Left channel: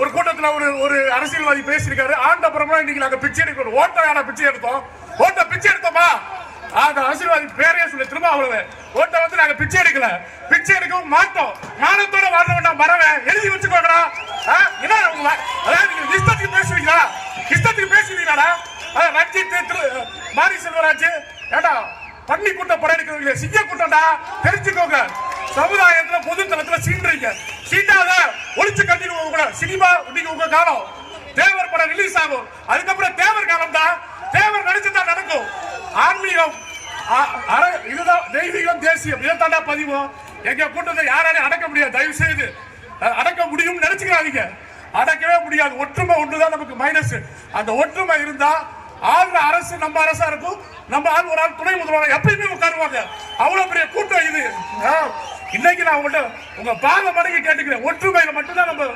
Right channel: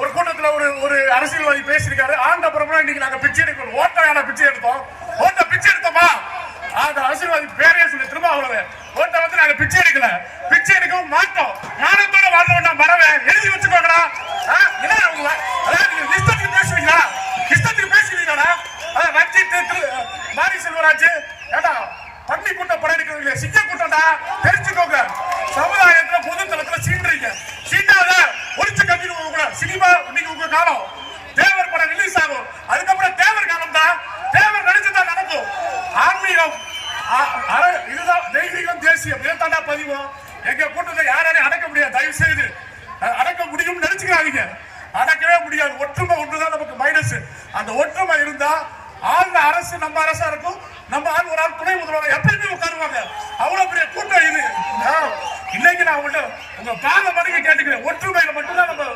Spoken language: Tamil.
ஒரு கூட்டத்தில் ஒரு அரசியல்வாதி பேசியிருக்காரு. ஆண்டப்புறமா இன்னைக்கு நாங்க பிச்சை எடுக்கணும். ஓட்டான பிச்சை எடுத்தோம். ஓட்ட பிச்சை எடுத்தோமா? அந்த அரசியல்வாதி பேரே சொல்லி திரும்ப அவ்வளவு ஓட்ட வந்து நாங்க பிச்சை எடுக்கல, பிச்சை எடுக்கவும் மாட்டோம். மானத்தோட வாழ வேண்டாம். மறவேன் எழுதி வச்சுக்கோங்கடா. இஷ்டத்துக்கு பேசுவீங்களா? இஷ்டத்துக்கு பேசுவீங்களா? ரஞ்சித் மாரி செல்வராஜ் ஏடா பன்னி கூட்டம் படம் எடுக்கிறீங்க, சிங்க கூட்டம்டா, தெரிஞ்சுக்கோங்க. சமுதாயத்துல பொதுத்தளத்துல சீன்றீங்க. சீண்டாத ஒளிச்சு கட்டிடுவோம் கூட. சினிமா இன்னைக்கு உங்க காலம். தேவர் படம் ரிலீஸ் ஆகும், அதுக்கப்புறம் தேவர் காலம் தான். தேவர் நடிச்சுதான் நடக்கும். ஆன்மீகம் இதுதான் தெய்வீகம், தேசியம். இதைத்தாண்டா பதிவோம். எங்க கூட்டத்தை யாராலையும் அடக்க முடியாது. தயவு செய்து அடக்க முடியும் நினைச்சுக்காதீங்க. அடக்கவே முடியாது. ஒற்றுமை ஒன்றுதான் நமக்கு மைனஸ். அந்த ஒற்றுமை இருந்தா ஆளுந அரசு நம்ம அரசா இருக்கும். நம்ம ஆள் ஒரு ஆள் துணை முதல்வர் எப்பயுமே உட்காருவாங்க. அவ்வளவு பெரிய கூட்டம் இது. இன்னைக்கு நான் உங்க பாத மடங்கு கேட்டுக்கிறேன். ஒற்றுமையில மட்டும்தான் நம்ம